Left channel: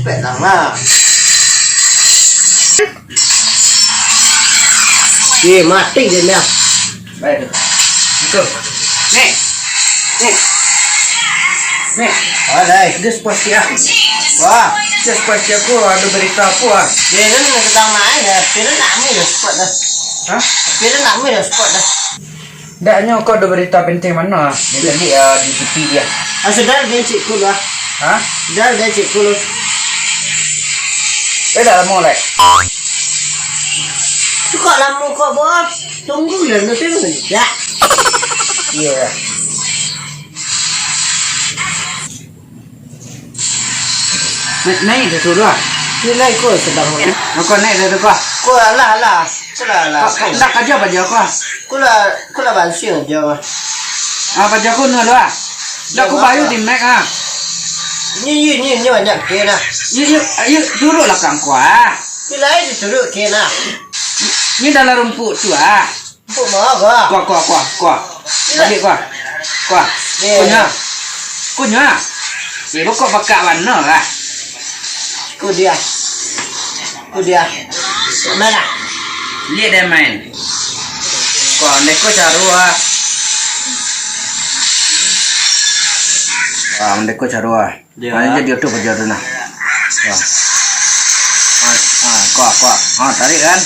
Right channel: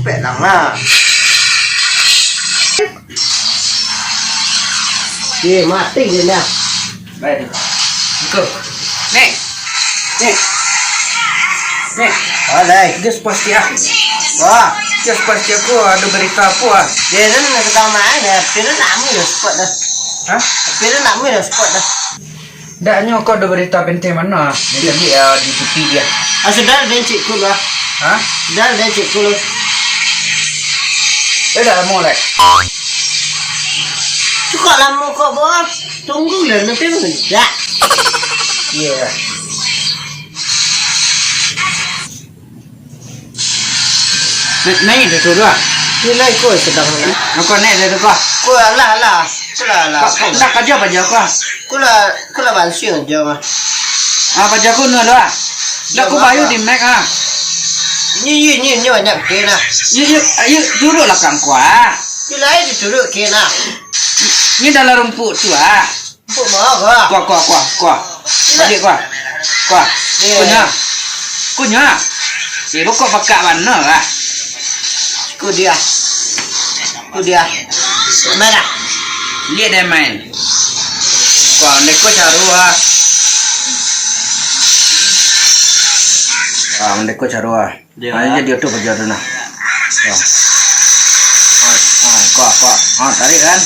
cepet lah. Ye mati je dah. Baik. Betul. Nih. Nih. Nih. Alai. Dia pasti ah. Wah. Dia pasti aku ada berita apa ah. Dia kan nak tahu mana. Pira nak mu dah spot dah. Hah? Pira nak mu dah spot dah. Daknya kau ada berita penting mana? Dia tadi di TV dia. Sudah dah cik kul lah. Hah? Sudah dah cik kul. Dah mau lek. Kok lama kok bos? Tunggu lah nanti mendak. Iya. Naik dah tu dah. Nilai kau sedang mana? Kau naik dah tu kau. Kau lah. Kau lah. Dah kerja apa je kau? Kau lah bansiun je mah. Apa je kau nak dah? Dah kau bayu di Mac ah. Ni banyak kena. Yuk duduklah kang kau ah. Nilai duduk kena. Ni dalam rumput tu ah. Rumput mana kau? Kuah. Balik kuah. Kunyah. Pokok pakak mana lah. Ku dia. Mana? Lihat dia main. Kuah neko caru ah. Neko caru ah. Mana dia tu kerja tu nah. Kuah. Tarik kan?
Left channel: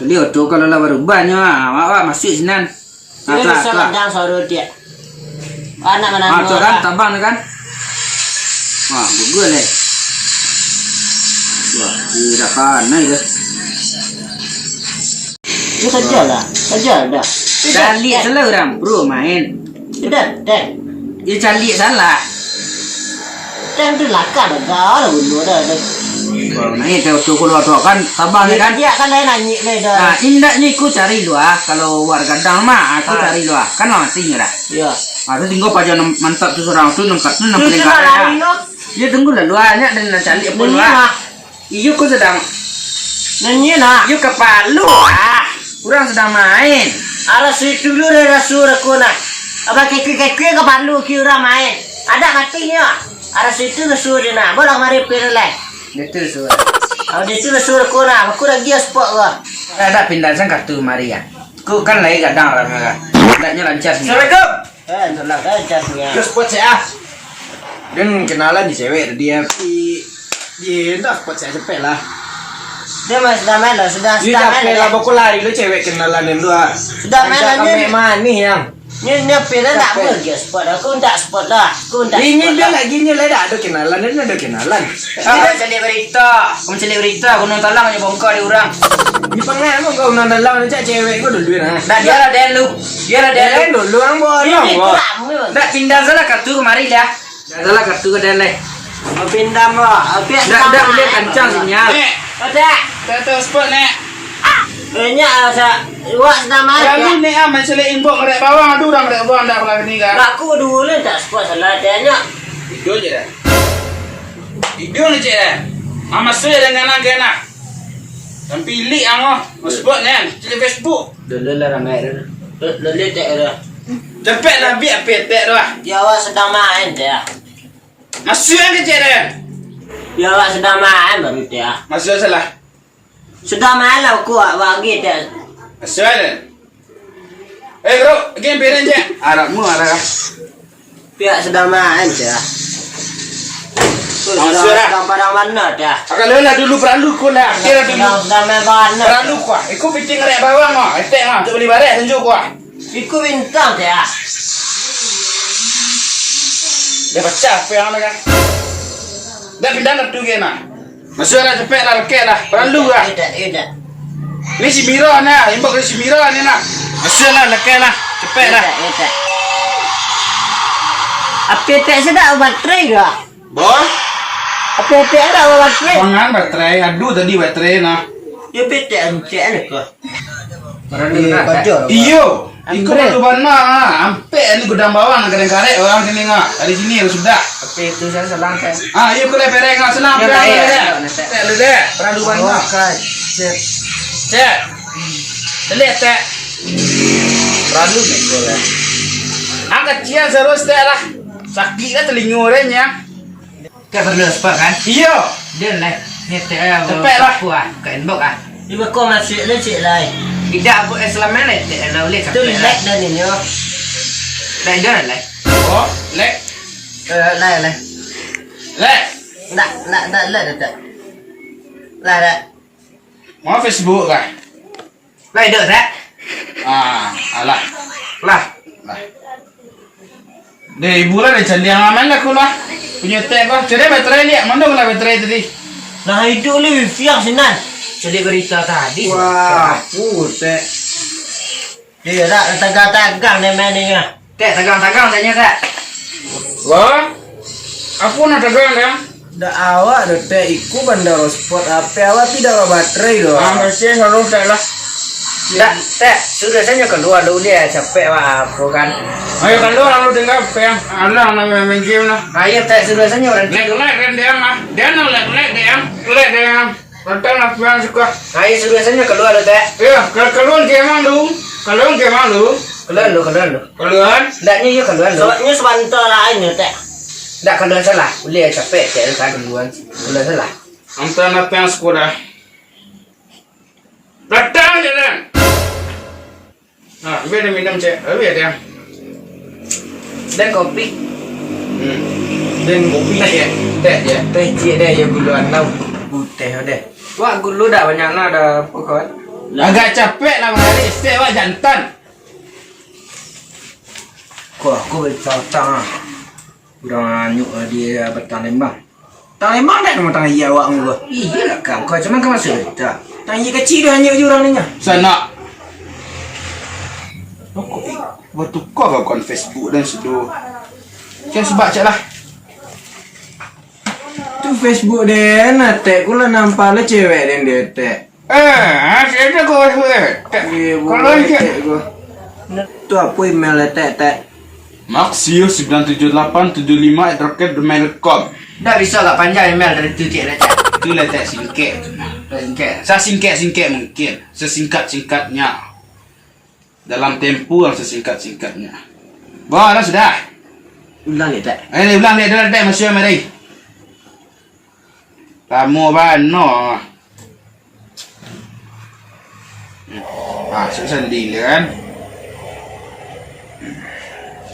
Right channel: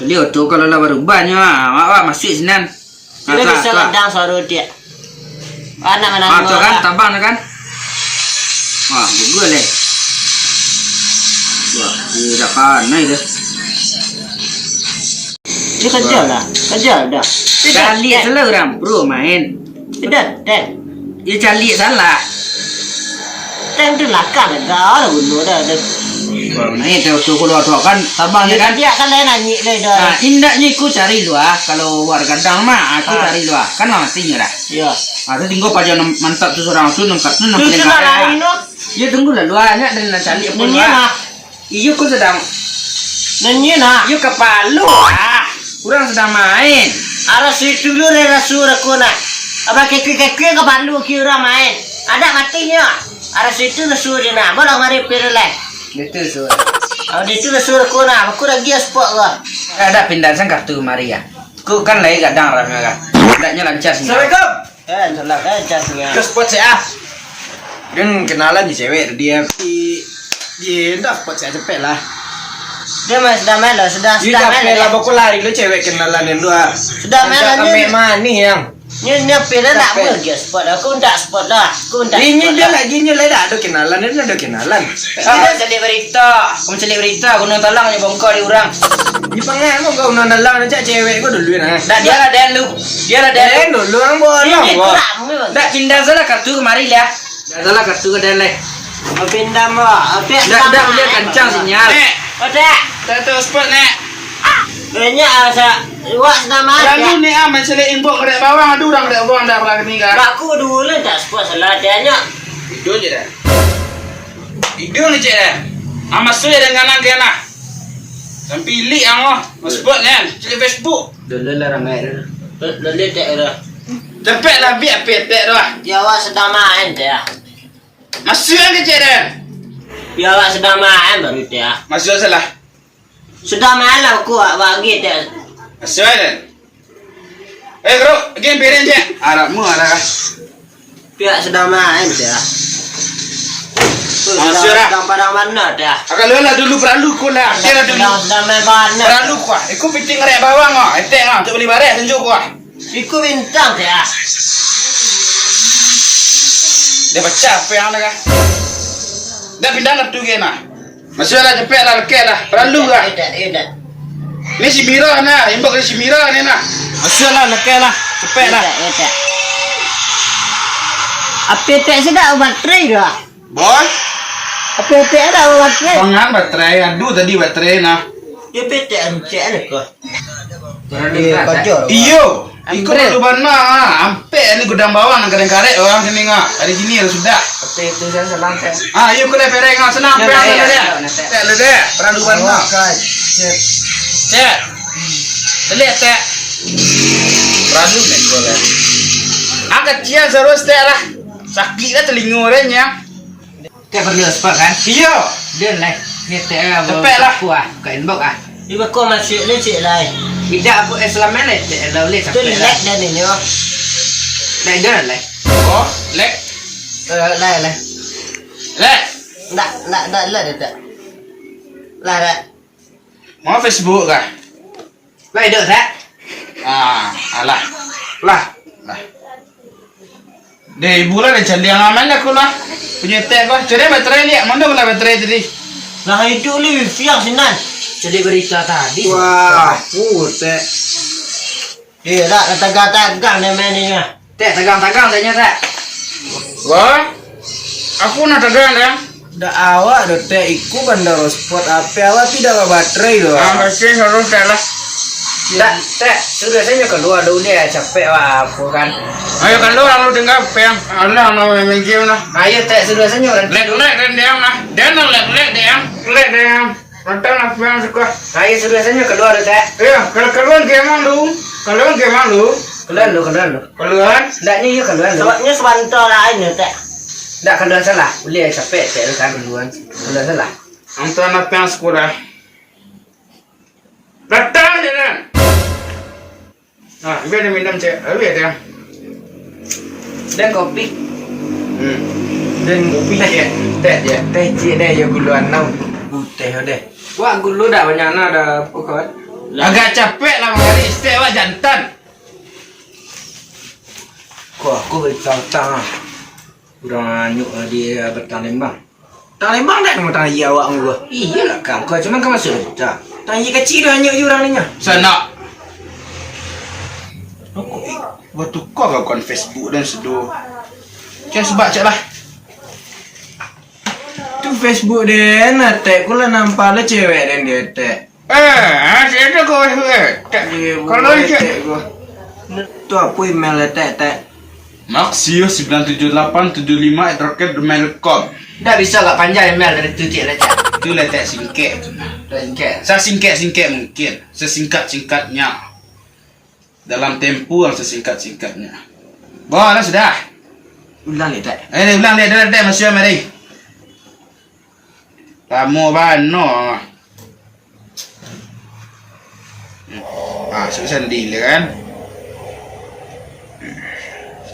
Lihat tu kalau lah baru banyak ah. Masuk sinan. Dia bisa kadang suara dia. Anak mana? Tu kan tambang kan? Wah, bagus leh. Wah, dia dah pandai ke? Dia kerja dah. Calik salah orang bro main. Tidak. Dia calik salah. Tem tu lakar dah bunuh dah. Ni tu kalau tu kan tambang kan? Dia kan lain nyanyi le dah. Indak ni aku cari luar. Kalau warga gadang mah aku cari luar. Kan matinya dah. Ya. Tu tinggal paja mantap tu seorang tu nangkat tu nampak Tu lain no. Dia tunggu lah luarnya dan nak calik pun lah. Iyo ku sedang nyanyi nak. Iyo kepalu ah. Kurang sedang main. Arah situ dulu rasul aku nak. Abang kekek ke palu kira main. Ada matinya. Arah situ rasul je nak. Boleh mari perleh. Itu suara. Di tu rasul aku nak. Aku lagi spot gua. Ada pindah sang kartu mari ya. Ku kan lagi gadang ramai kan. Tidaknya lancar sih. Assalamualaikum. Itulah kan catnya. Terus spot saya. Dan kenalan di cewek dia dah spot saya cepet lah. Dia masih sudah main dah. Sudah main lah. Pokok lari lu cewek kenalan yang dua. Sudah main lah. Kami manis yang. Ni pera nak pergi spot dah. Aku tak spot dah. Ini dia lagi ni dah ada kenalan. Dia ada kenalan. Kita cari berita. Kamu cari berita. Kau nak tolong je bongkar di orang. Di pengah mau kau nak tolong nanti cewek kau dulu nah. Dia lah dan lu. Dulu ang bolong. Dah pindah salah kartu kemari lah. Dah salah kartu ke dele. Mau pindah mau. Dah dia kencang sinyal. Ada. Tahu spot nek. Banyak asa. Wak sudah main. Lalu ni aman sele info kerek bawang ada orang kerek bawang dah pernah ketiga. Aku dulu tak spot salah dia. Video je dah. Video ni je dah. Amat suai dengan nang kena. Dan pilih ang spot ni. Cili Facebook. Dulu lah ramai dah. Dulu tak dah. Cepet lah biar petek dah. Dia awak sedang main dia. Masuk ke je dah. Dia awak sedang main baru dia. Masuk salah. Sudah main lah aku bagi dia. Masuk dah. Bro, game beren je. Arabmu arah. Pihak sedang main dia. Sedang padang mana dia. Akan lelah dulu peralu ku lah. Kira dulu. Sedang main mana. Peralu ku. Aku piting rek bawang ah. Etek ah untuk beli barang tunjuk ku. Iku bintang dia. Dia pecah apa yang nak? Dia pindah nak tu kena. Masuk lah cepet lah leket lah. Peralu lah. Tidak. Ni si Mira nah. Imbak si Mira ni nak. Masuk lah leket lah. Cepet lah. Tidak. Apa tak sedap baterai dah. Boy. Apa tak ada baterai. Pangan baterai. Aduh tadi baterai nah. Dia petek encik lah kau. Dia kerja. Iyo. Ikut tu mana ah. Ampe ni gudang bawang nak karek orang sini ngah. Dari sini harus sudah. Apa itu saya selang kan. Iyo kena pereng ngah senang pereng dia. Tak le deh. Perandu mana. Cek. Lihat tak. Perandu ni kau lah. Angkat cian terus tak lah. Sakit lah telinga orangnya. Tak perlu spot kan? Iya. Dia lah. Ni tak Cepet lah. Kuat. Bukan inbox ah. Iba kau masuk le cik lai. Tidak apa Islam ni tak ada boleh Tu sampai lah. lek dah ni yo. Tak ada lah. Oh, lek. Lai lai. Lek. Nak lai dah tak. Lai dah. Mau Facebook kah? Lah ada tak? Alah. Lah. Deh, ibu lah dah candi yang aman aku lah. Punya tag kau. Cari baterai lihat. Mana pula baterai tadi? Lah hidup le wifi yang sinan. Jadi berita tadi. Wah, tak. Dia dah tegang-tegang dia main ni. Tak tegang-tegang saja tak. Wah. Aku nak tegang ya. Dah awak dah teh ikut bandar spot apa awak tidak bawa baterai doh. Masih harus tag lah. Tak. Sudah saja keluar dulu ya capek wah aku kan. Ayo kan lu lalu dengar peng. Allah nak main game lah. Ayo tak sudah saja orang. Lek dan diam lah. Dia nak lek diam. Rentan apa yang suka. Ayo sudah saja keluar tak. Iya, keluar game lu. Keluar lu. Keluar. Ndaknya ya keluar lu. Sebabnya sebentar lain ya tak. Ndak keluar salah. Boleh capek tak kan keluar. Keluar salah. Antara natang sekolah. Datang je kan. Biar dia minum cek. Biar dia. Dan kopi. Dan kopi dia. teh cik deh ya guluan nau. Putih deh. Wah gulu dah banyak nak dah pokok. Agak capek lah hari. Stay awak jantan. Kau aku bercang-cang ah. Kurang anyuk dia bertang lembang. Tang lembang dah nama tang iya awak ngua. Iya lah kau. Kau cuman kau masuk dah. Tang iya kecil dah anyuk je orang ni nya. Sana. Aku waktu kau kan Facebook dan sedu. Cak sebab cak lah. Tu Facebook deh na teh kula nampak lah cewek dan dia teh. Ada kau Kalau cak. Tu apa email lah teh. Maxio97875@gmail.com. Dah bisa gak panjang email dari tu cik lecak. Itu letak singkat tu nah. Singkat. Saya singkat mungkin. Sesingkat-singkatnya. Dalam tempo yang sesingkat-singkatnya. Bawa lah sudah. Ulang ni teh. Ulang lihat dah masih mari. Tamu bano. Susah deal kan.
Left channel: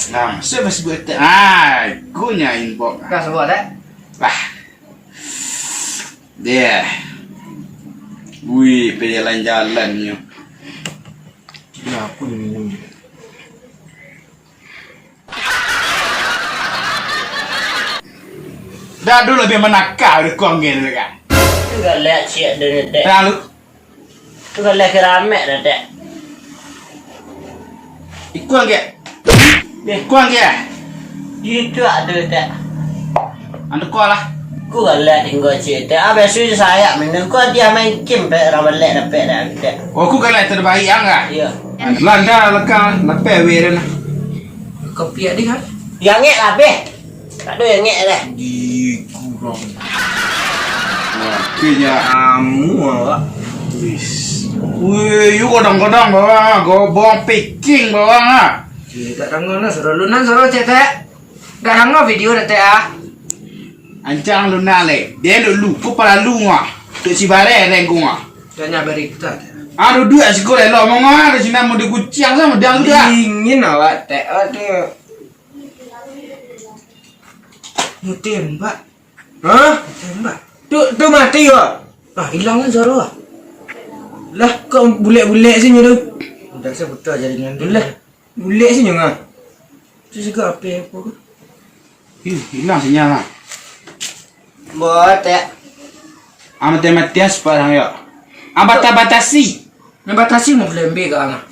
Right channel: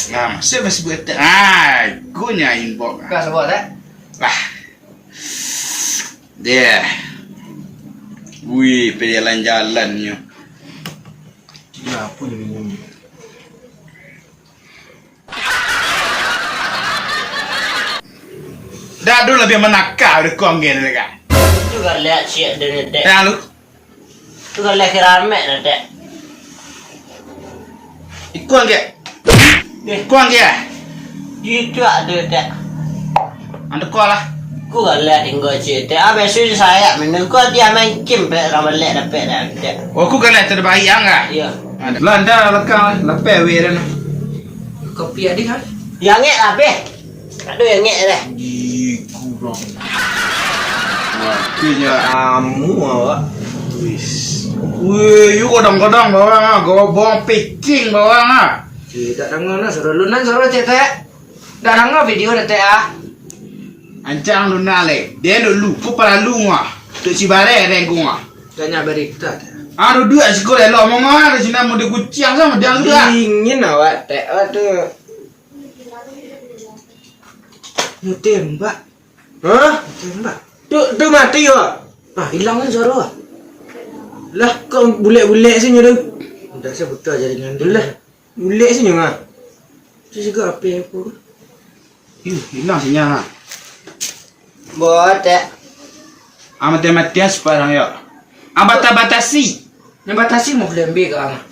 Nah, siapa sebut tak? Gunya inbox. Kau sebut tak? Dia. Wih, jalan-jalannya. Ya pun minum. Dah dulu lebih menakar udah kongen dekat. Tu gak lihat cik dia ni tak. Dah lu. Tu gak lihat keramek dah tak. Ikut ke? Ikut ke? Itu ada tak. Anda kau lah. Ku gak lihat tinggal cik tak. Habis tu saya minum kau dia main game pe ramal lek dapat dah tak. Oh, aku kan lihat terbaik angah. Ya. Landa lekang lepas weran. Kopi ada kan? Yang ngek habis. Tak ada yang ngek dah. Kurang. Kini Amu awak. wih, you kadang-kadang bawang, gobong picking bawang ah. Tak dengar nak suruh lunan suruh cek tak. Dah dengar video dah tak ah. Ancang lu nale, dia dulu kepala lu ngah, tu si bare rengku ngah. Dah nyampe berita. Aduh dua sekolah lo mau ngah, di sini mau dikuciang sama dia sudah. Dingin awak teh. Aduh. Mu tembak. Hah? Tembak. Tu mati yo. Ah hilang kan suruh ah. Lah kau bulet-bulet sini tu. Dah saya betul jaringan dia. Lah. Bulet sini ngah. Tu juga apa? Hilang sinyal ah. Buat tak. Matematis parang yo. Batasi. Yang batasi mau lebih ke ana.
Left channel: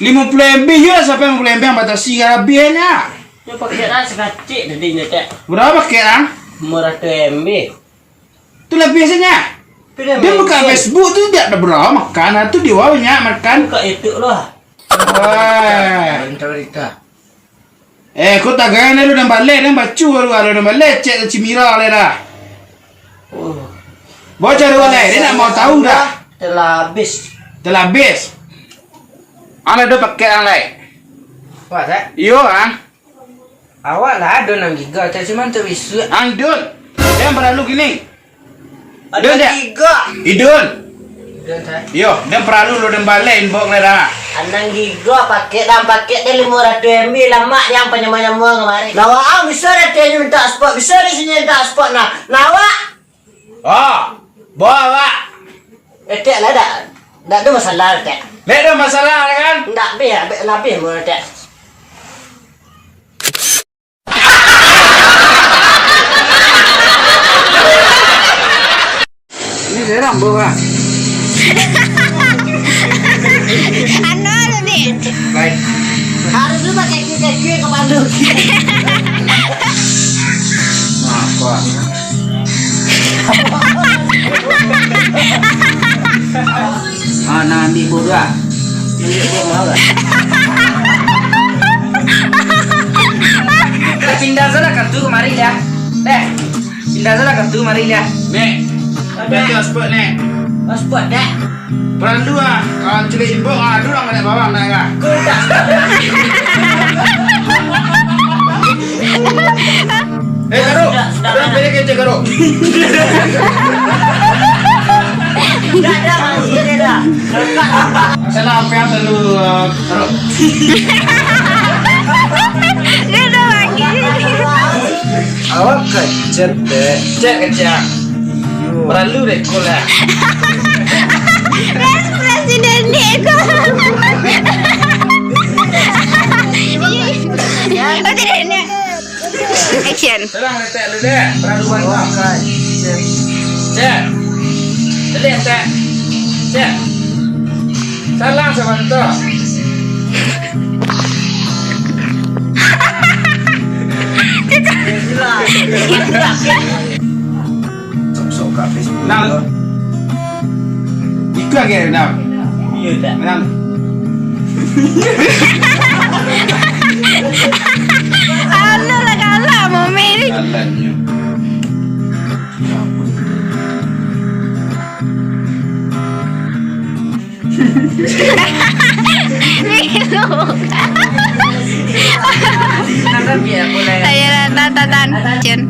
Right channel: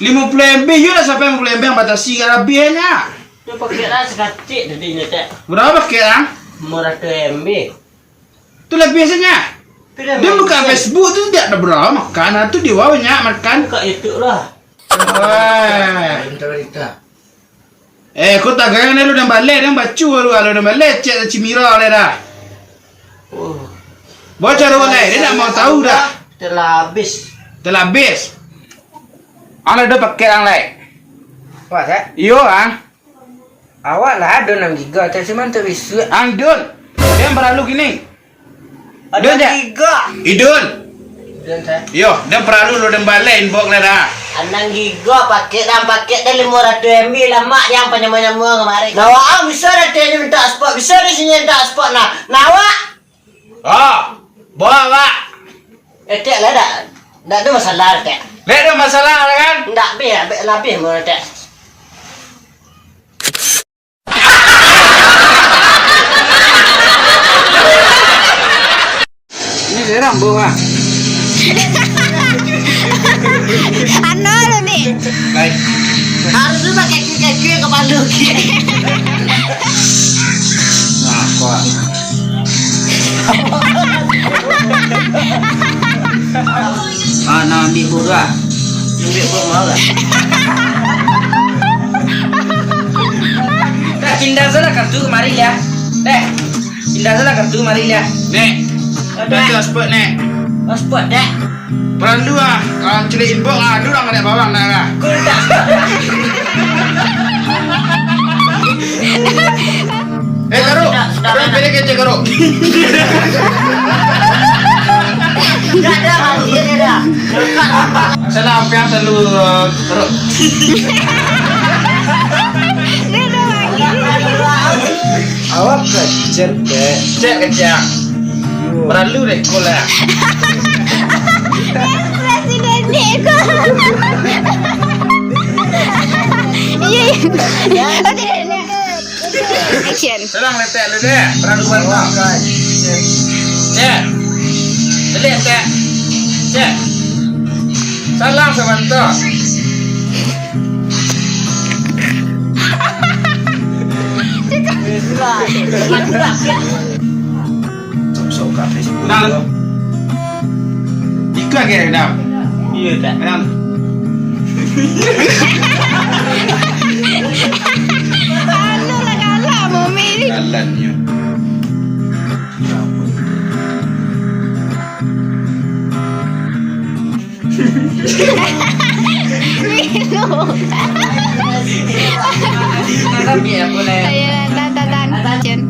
50 MB yo sampai 50 MB yang batasi kalau biarnya. Tu pakai lah sekacik tadi ni tak. Berapa sekarang? Murah tu MB. Tu lebih saja. Tu dah. Dia buka Facebook tu tidak ada berapa makan, tu dia banyak makan. Buka YouTube lah. Wah. Berita. Kau tak gaya ni lu dah balik, dah bacu lu dah balik cek cimira le dah. Oh. Baca lu balik, dia nak mau tahu dah. Telah habis. Telah habis. Ana dah pakai angai. Wah tak? Yo ang, Awak lah ada 6 giga, tak cuma tu bisa. ang dun. Dia perlu gini. Ada Dia- 3. Idun. Dan saya Yo, dia perlu lo dan balain bok lah dah. anang giga paket dan paket dah 500 MB lah mak yang penyemua-nyemua kemarin. Nawa bisa dah dia minta spot, bisa di sini minta spot nah. Nawa. Oh, bawa. Etek lah dak. Dak ada masalah etek. Lek ada masalah kan? Ndak lebih mau etek. Ini serang bawa. Ano ni? Baik. Harus tu pakai kaki ke pandu. Nah, kuat. Nak ambil bodoh. Tunjuk dia mau tak? Cinta sana kartu kemari ya. Dek. Cinta sana kartu kemari ya. Nek. Dah spot nek. Oh, spot dah. Perlu kalau celik imbok dulu orang ada bawang dah kan. Kau tak spot. Karo. Orang pilih kecil karo. Dah dah mandi dia dah. Saya apa yang selalu karo. Ano lagi? Awak kecil deh. Cek kecil. Perlu deh kola. Presiden Diego. Oh tidak ini. Action. Serang letak lu deh. Perlu bantang. Cek. Lihat cek. Cek. Salam sebentar. Sok kafe. Nang. Ikut lagi nang. Iya tak. Nang. Ano lah kala mo Mary. Jalannya. Milo. Nanti biar boleh. Ayan, tatan. Action.